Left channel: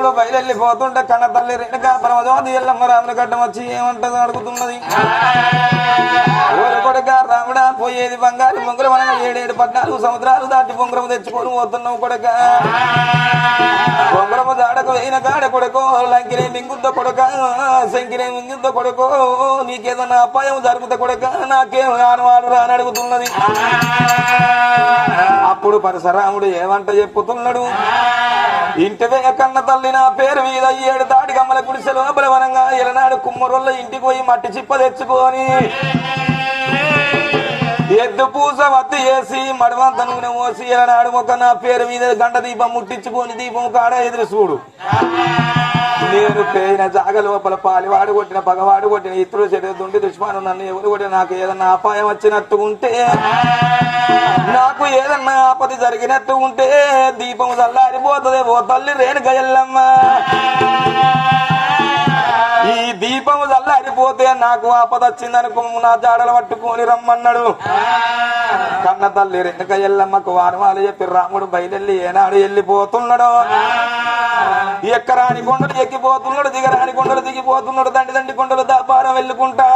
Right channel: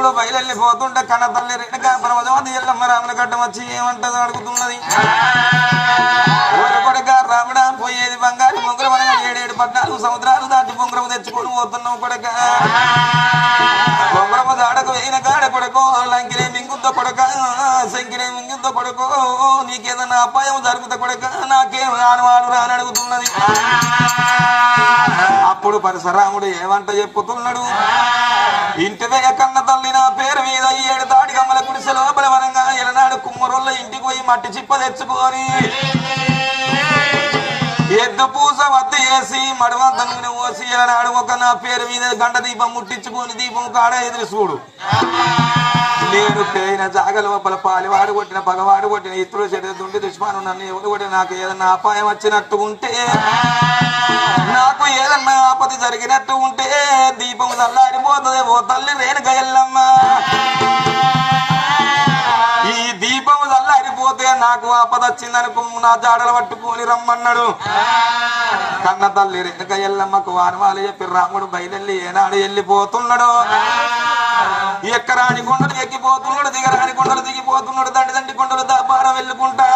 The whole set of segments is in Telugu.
రాముడు బయలుపోతుంటే కన్న తల్లి రేణుక పరమజోది ఎల్లమ్మ రాముని గడ్డం వచ్చి ఏమంటది అడుగుతున్నది. కొడుక రాముడా పోయేది బంగారు బొంగులు మనం 7 14 సముద్రాలు దాటి బొంగురము తెచ్చుకొని పోతున్నావు కొడుక. బొంగురము దాడకు వేయిన కాడ కొడుకో లంకినే మింగుద్ద కొడుక శంకినే మింగుద్ద కొడుకో నీకేదన్నా అపాయం జరుగుతా కొడుక నాకేం ఆనవాడు రాని అడుగుతున్నది. అప్పుడు పరశురాముడు ఏమంట చెప్పుతున్నాడు. ఇంటివే కన్న తల్లి నా పేరు మీద 7 తాటి గమ్మల కుడిసె లోపల వనంగా ఎలనాడు కుమ్మరుల్ల ఇంటికి పోయి మట్టి చిప్ప తెచ్చుకొని ఎద్దు పూస వద్దు వేసి మడవంత నూనె పోసి ఎలనాడు ఒక నా పేరు మీద గంట దీపం ముట్టించుకొని దీపం కాడ ఎదురు చూడు. నేను పేయిన జాగ లోపల పాలివాడు కొట్టిన పగవాడు కొట్టిన ఇతరులు చెడుతుంటే దుష్మాను నన్ను ఎవరు కొట్టిన నాకు ఏదన్నా అపాయం వచ్చినట్టు ఉంటే నాకు ఏదన్నా ఆపద జరిగినట్టు ఉంటే దీపం చల్లారిపోతుంది ఓ తల్లి రేణుక ఎల్లమ్మ. ఈ దీపం చల్లారిపోతే నాకు ఆపద వచ్చిందనుకో నా జాడలు పట్టుకొని రమ్మన్నాడు. కన్న తల్లి రేణుక ఎల్లమ్మకు వానవాళ్ళు చెప్పి రాముడు బయలుల్లి ఏనాడు వెళ్ళిపోతున్నాడు. ఎక్కరాని కొండలు ఎక్కిపోతున్నాడు, దిగరాని కొండలు దిగిపోతున్నాడు, దండి కొండలు దాపారం వెళ్ళుకుంటా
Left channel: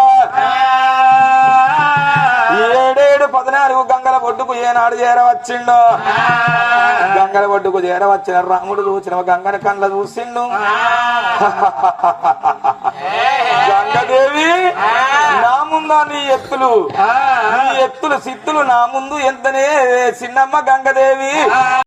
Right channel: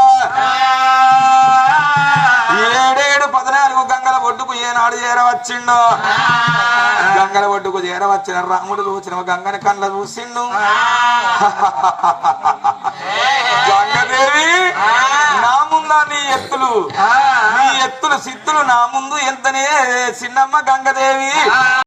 7 14 గంగల ఒడ్డుకు ఏనాడు చేరవచ్చిండు. గంగల ఒడ్డుకు చేరవచ్చిన రాముడు చూసిన గంగన కళ్ళ చూసిండు. గంగదేవి నా ముందా నీ ఎత్తులు సిత్తులు నా ముందు ఎంతనే చిన్నమ్మ గంగదేవి.